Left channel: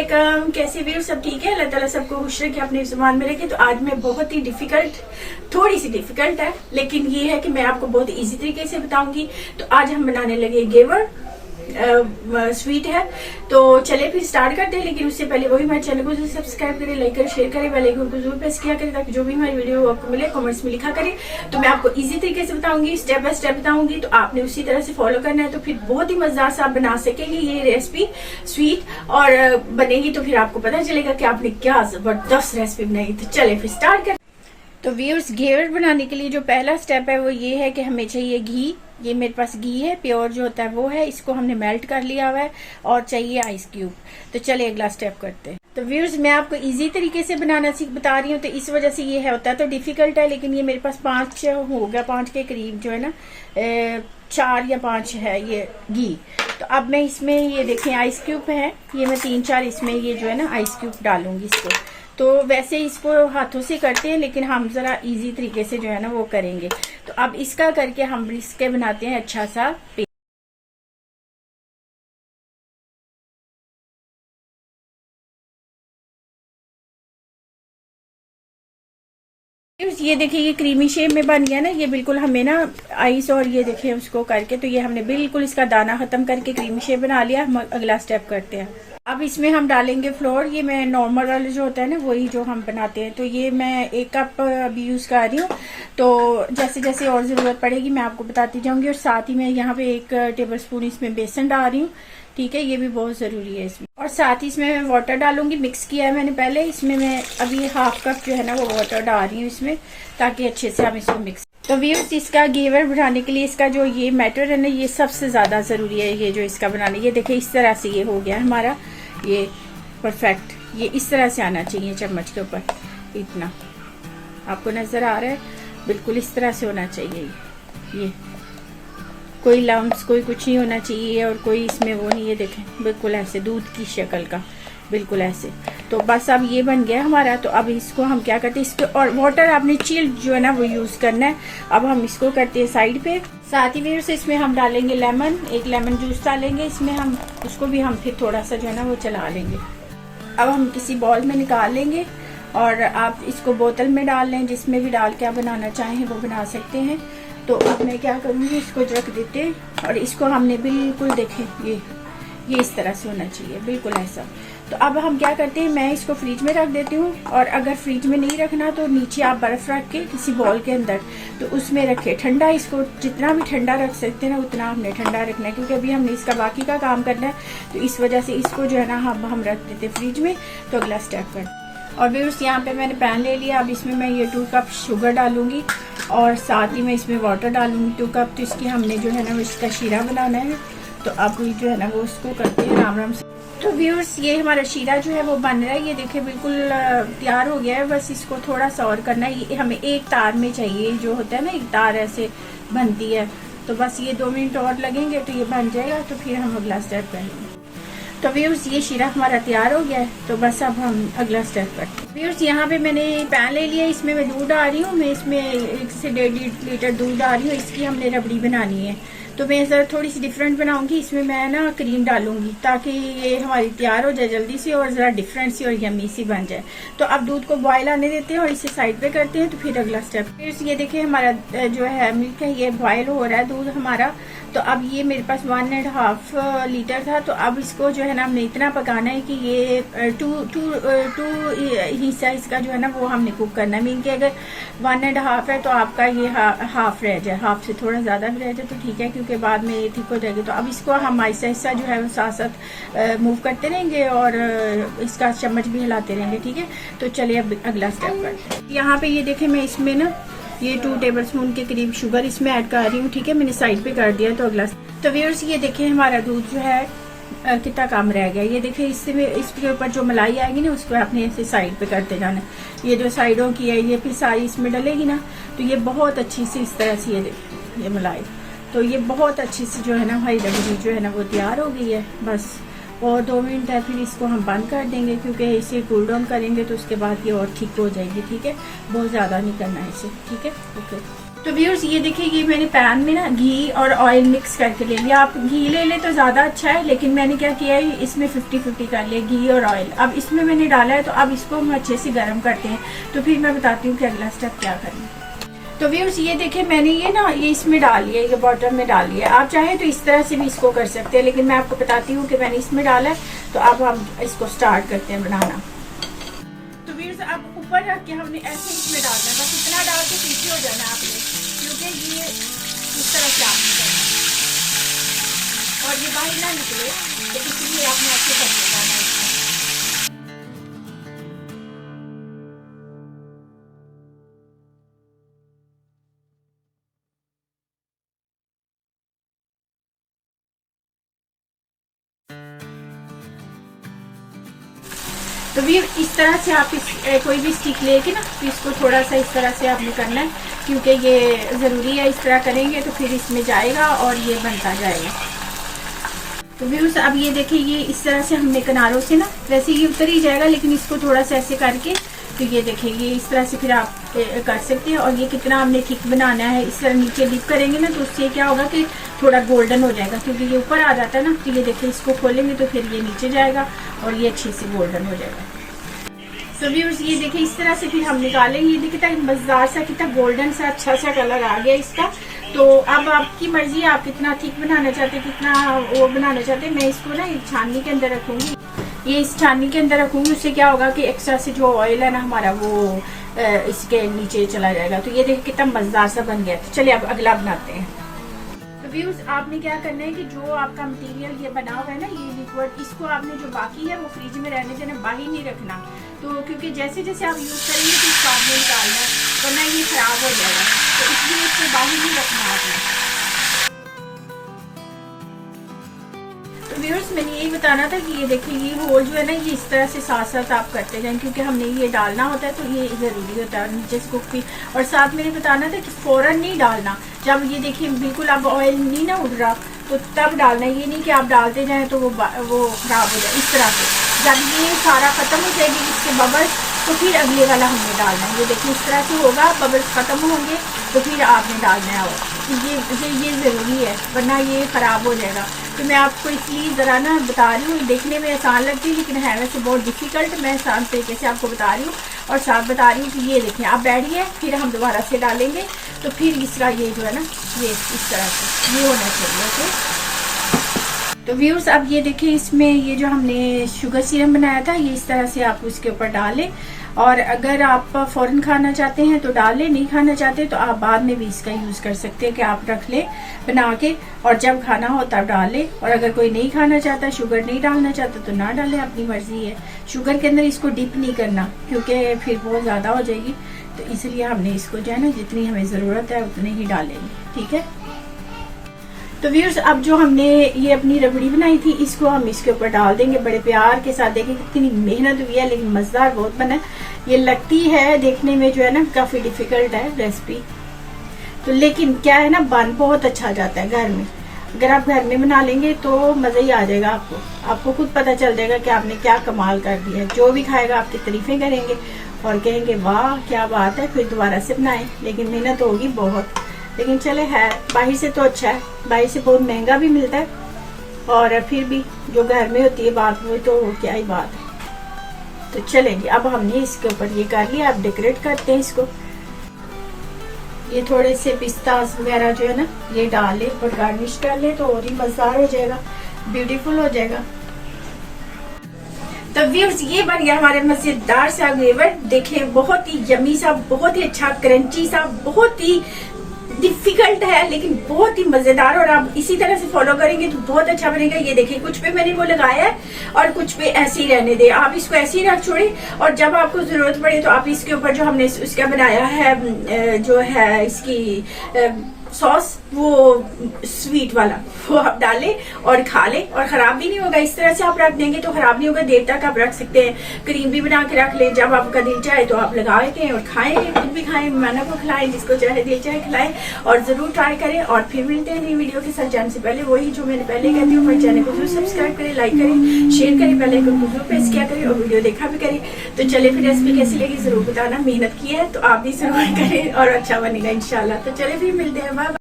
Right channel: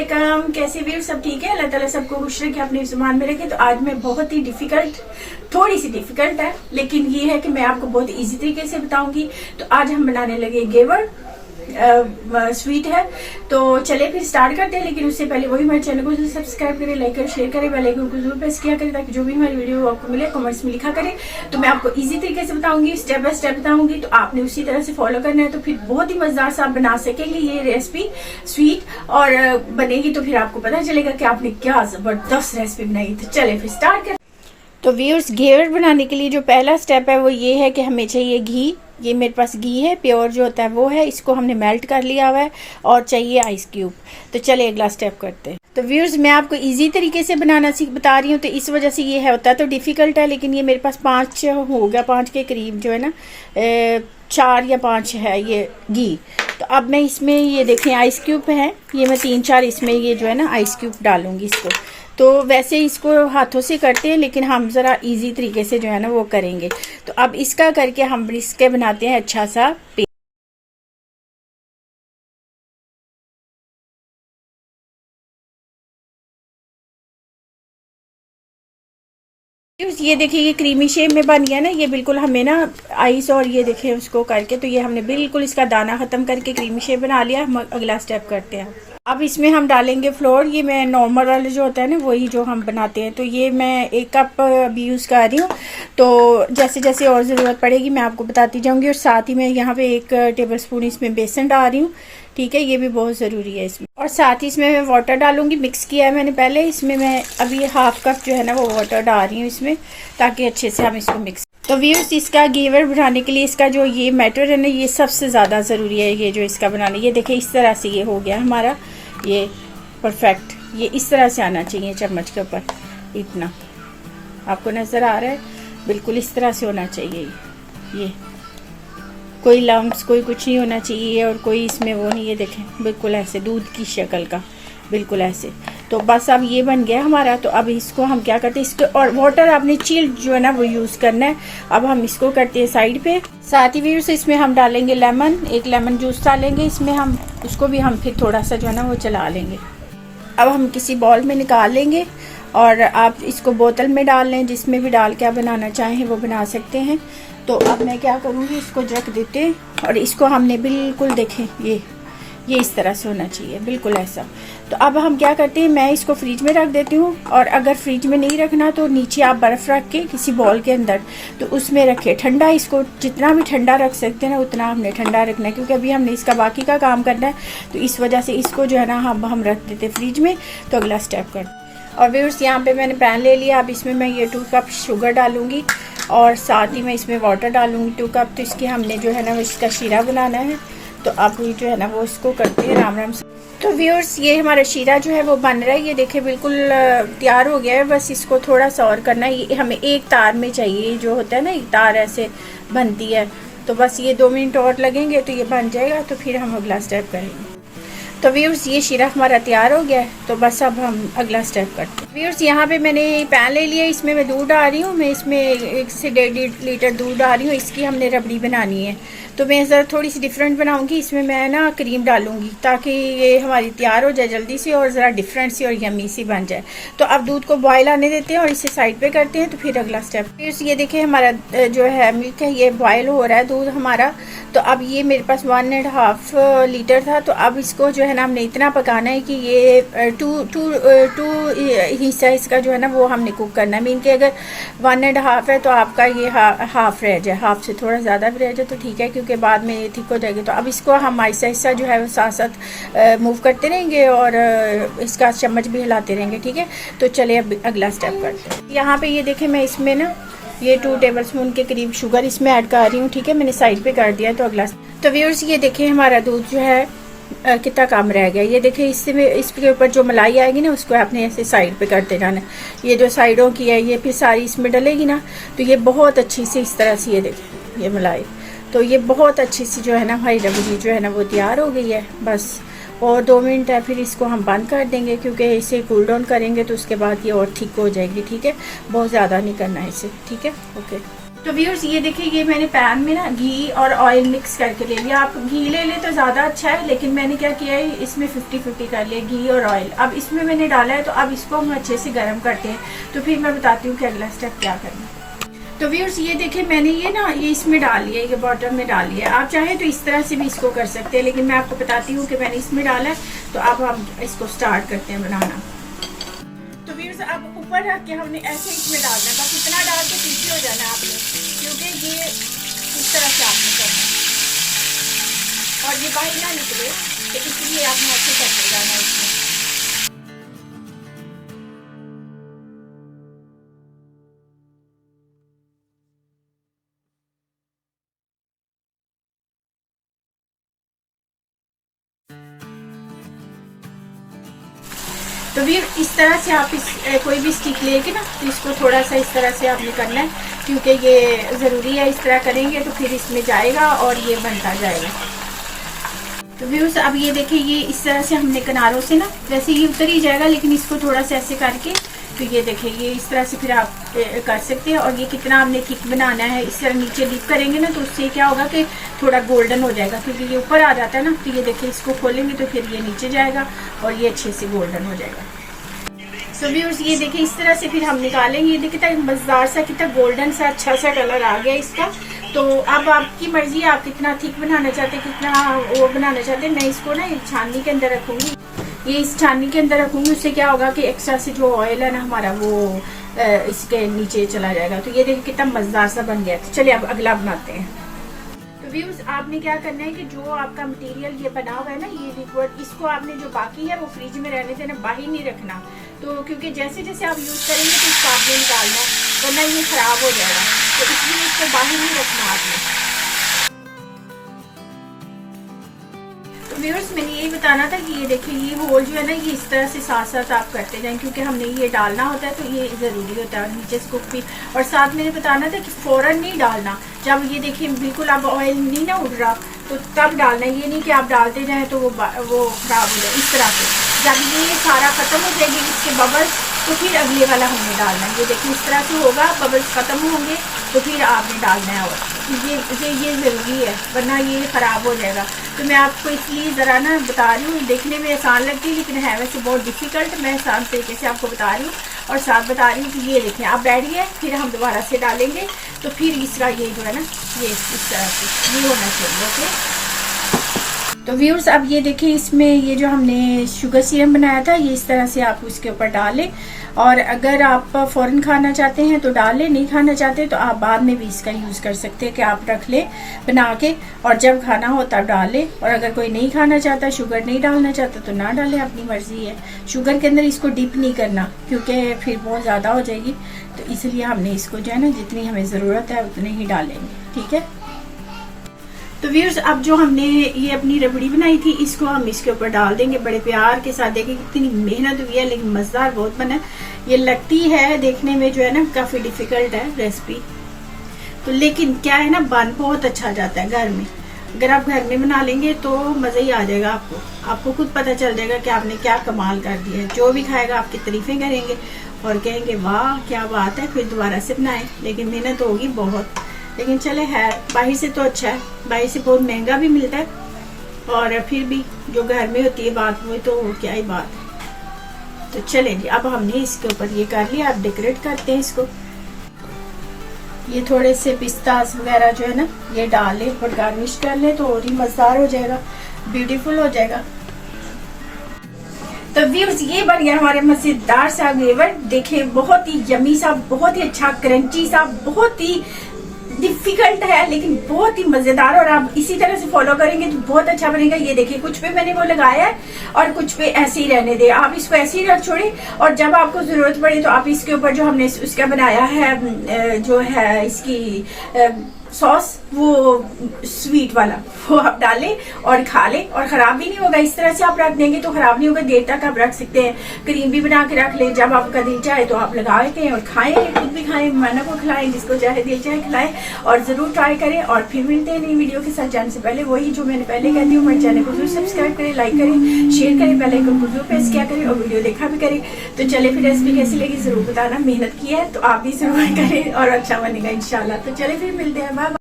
वालेकुम। कैसे भी सब ठीक है? अल्लाह ताला सबको खुश रखे, अपने ज़ुबान में रखे। तो आज मैं बहुत ही थोड़ी सी डिफिकल्ट है, लेकिन ये है कि मैं आपको बहुत इजी तरीके से बताऊंगी। तो आज हम बनाने लगे घेवर स्वीट है। तो चले फिर स्टार्ट करते हैं, लेकिन उससे पहले वही हमारे चैनल को सब्सक्राइब करें, लाइक करें, शेयर करें, बेल आइकन को जरूर प्रेस किया करें ताकि जो भी हमारी वीडियो आपको मिले कमेंट्स में लिखा करें। तो मैं आपको इजी तरीके से बताऊंगी, स्टेप बाय स्टेप बताऊंगी, तो आपने उसी तरह से फॉलो करना है। तो फिर बहुत ही मजेदार से आप बना सकेंगे ये रेसिपी स्वीट, और बनेगी तो फिर आपको पता चलेगा कि आपने क्या जबरदस्त रेसिपी बनाई। तो चले फिर स्टार्ट करें। तो व्यूअर्स, घेवर बनाने के लिए जो पहला स्टेप है वो ये है कि हमें चाहिए घी। ये मेरे पास घी है, प्योर जो होता है वो है, इसको हमने मेल्ट कर लिया हुआ है, और चाहिए आइस क्यूब। तो चले अगला स्टेप करते हैं। तो व्यूअर्स, मैं आपको इजी तरीके से बनाना बता रही हूँ, तो इस वजह से ये है, होता है तो डिफिकल्ट है, लेकिन ये मेरे पास 5 हो गया, 5 के करीब जो है ना, 4 या 5 है ये घी। तो अब मैं इसमें ये देखें आइस क्यूब है, ये मैं 3-4 इसमें ये जो है ना आइस क्यूब डालूंगी इसको। तो वैसे इसको हाथों से करते हैं, लेकिन हम ज़रा इजी तरीके से जो है ना वो करेंगे। तो अब इसका करके हम इसके बनाते हैं अच्छा सा पेस्ट। ये देखिए ये क्रीमी शेप में बन गया ना, ये बिल्कुल हमें ना आइस और ये देखिए उसको करके, तो ये हमने बिल्कुल इसका दाना खत्म करके क्रीमी शेप बना लिया। हम अगला स्टेप करते हैं। अब इसमें हम डालेंगे फ्लोर। ये मैं नॉर्मल वाले जो होता है ना वही जो हम बनाते हैं। तो ये मैं 1 कप अभी यूज़ कर रही हूँ। तो जैसे जैसे और ज़रूरत पड़ेगी मैं आपको बताती जाऊँगी। और साथ ही मैं यहाँ पे 1 टेबल स्पून इसमें बेसन डाल रही हूँ, ठीक है, ये भी बहुत ज़रूरी है इसमें। और साथ ही इसमें मैं वाटर डालूंगी, मिक्स किया है मैंने पहले। इसमें मैं अभी 1/2 कप जो है ना वो वाटर डाल रही हूँ इसमें, ताकि अच्छे से हम इसको मिक्स। तो व्यूअर्स, इसका घेवर बनाने के लिए इसका जो ये मैटर है ना, ये सबसे ज़्यादा ज़रूरी है। ये जो इसका बनाने, ये देखिए इस तरह से ये हो गया हमारा, ये परफेक्ट, ये इस तरह से आना चाहिए चम्मच के ऊपर, इतना आपको नज़र आ रहा है, बिल्कुल इस तरह से होना चाहिए। ये कोई लम्प्स कोई कुछ नहीं होना चाहिए, और कोई इसमें वो नहीं, ये देखें बिल्कुल ऐसे दूध की शक्ल का, बिल्कुल ऐसे। तो बस अब ये बन गया हमारा। तो अब इसको हम क्या करते हैं, इसके और वाटर आपने चिल्ड जो है ना वो यूज़ करना है। अब हम इसको करते हैं साइड पे। साथ ही व्यूअर्स, इसमें हम डालेंगे लेमन, 1 लेमन जूस डालेंगे इसमें हम, उसको भी हम फिर थोड़ा सा जो है ना वो चला लेंगे। अब हम किसी बॉल में निकाल लेंगे, और आप इसको बोतल में डाल लें, जिसमें भी डाल के आप बनाना चाहें वो बना सकते हैं। तो अब मैं क्या करूँगी, इसको रख देते हैं, और इसको हमने बिल्कुल देखें ये इस तरह से होना चाहिए, बिल्कुल ऐसा। तो अब हम क्या करते हैं, मैं इसको फ्रिज में रख देती हूँ, और अगर फ्रिज में नहीं रखना तो नीचे आप बर्फ़ रख के किसी बॉल के अंदर तो उसमें रखें ठंडा। इसको जितना भी ठंडा रख सकते हैं ना उतना हमने ठंडा रखना है, क्योंकि अभी हमने इसका बाकी का काम करना है। तो इस वजह से इसको जो है ना हम रख देते फ्रिज में। तो अगला स्टेप कर। और व्यूअर्स, यहाँ पे मैंने पैन ले लिया। अब इसमें मैं ये 2 कप शुगर डालूंगी, और साथ ही मैं इसमें वाटर डालूंगी 2 कप। तो इसकी हमने जो है ना इसका शीरा बनाना है। तो अब जो है ना वो इसको करते हैं राम राम से। तो व्यूअर्स, ये हमारा शीरा जो है वो बन रहा है, ये देखिए बिल्कुल तैयार हो गया है। बस इसको थोड़ा सा और करना है। ये हमें 1 तार में चाहिए, जो होता है ना 1 तार ऐसे बनती है। तो बस ये 2 मिनट और लगेंगे तो ये बन जाएगा। तो फिर हम अगला स्टेप करेंगे। तो व्यूअर्स, ये शीरा हमारा तैयार हो गया है। तो बस अब हम अगला स्टेप करते हैं। व्यूअर्स, यहाँ पे मैंने पैन ले लिया, इसमें मैं दूध डाल रही हूँ। मैं इसमें 1 से 1.5 लीटर दूध डाल रही हूँ। इसकी हमने रबड़ी बनानी है। तो मैं ज़रा थोड़ी सी डिफरेंट बनाऊंगी। इसमें मैं ना क्रीम डालूंगी, ताकि ये हमारी तैयार हो जाए जल्दी से, और ज़रा डिफरेंट सी और यमी सी बन जाए। तो अब दूध को बॉयल आने देते हैं, और इसे साइड पे करते हैं। तो फिर अगला स्टेप, फिर ये देखिए हमारा जो है मिल्क है, ये बॉयल हो रहा है दूध हमारा। तो अब ये मेरे पास 1.5 लीटर था। तो अब इसको जो है ना हमने इतना पकाना है कि ये 2 हिस्सा इसका जो है ना वो हमने कुक करना है। मीन के अगर 1.5 है तो आपका ये हाफ रह जाए, हाफ से थोड़ा ज़्यादा भी रह जाए तो ठीक है, क्योंकि बाद में ये ठीक हो जाएगी। तो अब इसको हम ऐसा हिस्सा जो है वो साथ साथ मूव करते रहेंगे, और इसका चम्मच भी हिलाते रहेंगे, ठीक है। तो चलिए अब अगला स्टेप करते हैं। यहाँ पे ये देखें मैं इसमें ना ये 2 टेबल स्पून के करीब शुगर इसमें ऐड कर रही हूँ, ठीक है, मैंने साइड पे कर दिया। तो अगला, तो व्यूअर्स, ये देखें हमारा दूध जो है कितना कम रह गया। ये देखिए इसके ऊपर जो मलाई आएगी ना उसको आपने ऐसे साइड पे करते जाना। ये जो साइडों की है ये फिर सारी इसमें डलेगी ना, तो ये बहुत अच्छी से इस तरह से ये देखिए ये मलाई, तो ये बहुत अच्छी सी जो है ना हमारी रबड़ी जो है ना वो तैयार हो गई है। बस और 2 मिनट है, फिर इसको हम बंद कर देंगे, क्योंकि इसे कूल डाउन करेंगे तो उसके बाद ये और ठीक हो जाएगी, ठीक है। बहुत ज़्यादा नहीं करना है इसे, ठीक है, ओके। तो व्यूअर्स ये देखिए, ये मैंने पैन में ना घी और ऑयल मिक्स करके ले लिया। आप घी ले ले तो ज़्यादा अच्छा है, लेकिन मैंने क्या किया है, इसमें 50-50 कर लिया घी और ऑयल। अब इसमें मैंने डाला है, तो अब इसको हम अच्छे से गर्म करते हैं। तो फिर मैं बताती हूँ कि अगला स्टेप क्या करना है। तो व्यूअर्स ये देखिए, मैंने ये इसमें डाल लिया, ये बॉटल में डाल लिया। आप चाहें तो इस तरह से भी इसको कर सकते हैं, लेकिन मैं आपको बताती हूँ कि मैंने इसमें डाला है। तो अब हम इसको स्टार्ट करते हैं बनाना। तो व्यूअर्स अब ऊपर रख के हमने ऐसे इसमें डालना है, बस इतना डाल के पीछे हो जाना आपने, क्योंकि ये इस तरह से आपने करना है और ये बाहर ना निकले, तो इसलिए आपने ऐसे करते जाना इसमें। तो भी इस तरह से आप कोई भी स्टिक लेके ना, तो इसको थोड़ा सा इस तरह से आपने करना है, क्योंकि ये ज़रूरी है। इस तरह करेंगे तो फिर इसमें जाएगा और ये बनता जाएगा। तो व्यूअर्स अब ये देखिए, ये इस तरह से हमने किनारों से ना, वैसे ये उतर ही जाएगा, लेकिन इसको थोड़ा सा ऐसे करके, तो ये देखिए ये इस तरह से फिर आप कर सकते हैं। और ये कितना हमने थिक बनाना है, इस तरह नीचे डिप करेंगे ना, तो उससे क्या होगा कि थोड़ा गोल्डन हो जाएगा, क्योंकि ये ऊपर आ जाता है ना। तो ये देखिए, इसको खोलेंगे तो फिर ये नीचे जाएगा और ये अच्छे से गोल्डन हो जाएगा। तो व्यूअर्स ये देखिए, इस तरह से फिर हम निकालेंगे। ये देखिए मजेदार सा, कितना गोल्डन सा अच्छा सा कलर आ गया इसका। तो अब आपकी मर्जी, आप कितना थिक बनाना चाहते हैं, कितना वो बनाना चाहते हैं। मैं इसको ना एक छाननी के अंदर रखूंगी, ये इस छाननी के अंदर रखूंगी। उससे क्या होगा कि एक्स्ट्रा से जो ऑयल है ना हमारा, वो इसके नीचे चला जाएगा। तो ये देखिए कितना मजेदार सा बन गया। तो चलिए अब अगला बनाते हैं। तो व्यूअर्स आपने क्या करना है कि जो आपका मटेरियल ये बना हुआ है ना, ये लिक्विड, इसको आपने जो बाकी है वो फ्रिज में रहने देना, बाहर नहीं रखना। तो क्योंकि जैसे जैसे आप यूज करेंगे तो इसको आपने निकालना, वरना ये खराब हो जाएगा। तो इसलिए इसको बाहर नहीं रखना आपने। तो व्यूअर्स मैंने यही बताना था कि ये देखिए, ये होल जो है ना, ये इस तरह से साथ साथ आप करते जाएं, क्योंकि हमने ये डालना होता है, तो ये जरूरी होता है नीचे से कुक भी। और साथ मैंने बताना था कि फौरन नहीं डालना, जब ये देखिए बिल्कुल अब ऑयल नहीं ना उड़ रहा, तो तब डालना। ये नहीं कि आप डालते जाएं तो वो खराब हो जाए। इस तरह से जब ये सारा खत्म हो जाएगी इसके बबल्स, तो फिर अगले वाला हमने डालना है। ये देखिए इस तरह से होगा, बबल्स खत्म होंगे तो फिर आपने डालना है। और ये जरूरी है, वरना ये खराब हो जाएगा। तो मैं आपको इसलिए जरा ना बता रही हूँ, देखने में आसान लगती है लेकिन है वैसे बहुत डिफिकल्ट। मैं आसान तरीके से आपको बता रही हूँ और साथ बता रही हूँ कि ये देखें, आप बैठिए, फिर हम दोबारा से डालेंगे। तो फिर इसका ये जो है ना, ये इस तरह से ये होना चाहिए। ओके, तो व्यूअर्स अब ये देखिए, इसमें ये जो हमने शुगर सिरप बनाया था, ये इस तरह से आप उसके ऊपर डालें। और अगर आप फौरन खाना चाहते हैं तो डालें, नहीं खाना चाहते तो आप बाद में भी इसका यूज कर सकते हैं कि आप रख लें बना के, और जब खाना हो तब डालें। और अगर कोई नहीं खाना चाहता, शुगर नहीं डालना चाहता, तो ना डालें, अपनी मर्जी है। शुगर के अंदर इसको डिप नहीं करना, क्योंकि फिर बहुत ज्यादा हो जाएगी। तो इसलिए हमने इसको जो है ना, जितनी हमें जरूरत है उतने ही डालेंगे। ठीक है, तो व्यूअर्स अब जो हमने ये अपनी रबड़ी बनाई थी, इसको हम इसके ऊपर डाल देंगे बड़े प्यार के साथ। देखिए कितनी मेहनत हुई है, लेकिन मजेदार बहुत बना। ये लगती है देखने में जो है ना, काफी डिफिकल्ट है रेसिपी, तो लेकिन क्या है ना, बन बहुत अच्छा जाता है घर में। अगर आप घर में बना लेंगे तो मजा ही आ जाएगा आपको खुद पता चल जाएगा कि आपने क्या कमाल कर दिया है। जो भी खाएगा आपकी तारीफें करेंगे और कहेंगे वाह क्या बात है, फिर दोबारा से बनाएं। लेकिन मेहनत होगी बहुत, लेकिन चले है, बाहर से तो अच्छा है, बाहर से बहुत महंगा भी मिलता है, और फिर भी जो घर में होती है बात, वो तो क्या ही बात है। तो चलेंगे, अब हमने इसके ऊपर ये कर लिया, अब डेकोरेट करते हैं इसको। ये थोड़े से पिस्तास वगैरह जो है ना, ये डाल लें और गार्निश कर लें, तो और ही मजेदार हो जाएगा, ब्यूटीफुल हो जाएगा। तो व्यूअर्स ये बन गया हमारे मजेदार सा घेवर। देखिए बहुत ही यमी सा, बहुत ही अच्छा क्रंची सा, बहुत ही डिफिकल्ट है लेकिन बहुत ही मजेदार। और आप इसी तरह से फॉलो करेंगे तो बहुत अच्छा बनेगा। ये देखिए कुछ पे मैंने वो लगाया है और कुछ पे ऐसे ही रहने दे, आप इसको ऐसे ही रख छोड़े। और जब आपको जरूरत पड़े तो आप इसके ऊपर जो हमने उसका बनाया है, जो है इसकी सॉस, वो स्वीट वाला, वो आप डालें और खा लें और खराब भी नहीं होगा। इस तरह से आप रख देंगे तो खराब नहीं होगा, देर तक आप रख सकते हैं। क्रीम भी बना के रख लें, जब आपका दिल चाहे तो आप लगा के और खाएं, खुद भी खाएं, मेहमान को खिलाएं, जिसको चाहे दिल चाहे खिलाएं। और जरूर ट्राई करें। और फिर मिलते हैं नई वीडियो के साथ। जाने से पहले वही जो मैंने पहले कहती हूँ, मेरे चैनल को जरूर सब्सक्राइब करें, लाइक करें, शेयर करें, बेल आइकन को जरूर प्रेस किया करें और वीडियो देखा भी करें। तो चले फिर रेसिपी कैसी लगी जरूर बताना, मेहनत की है तो आप भी जरूर करें और अच्छा बनेगा इंशाल्लाह। तो चले फिर मिलते हैं।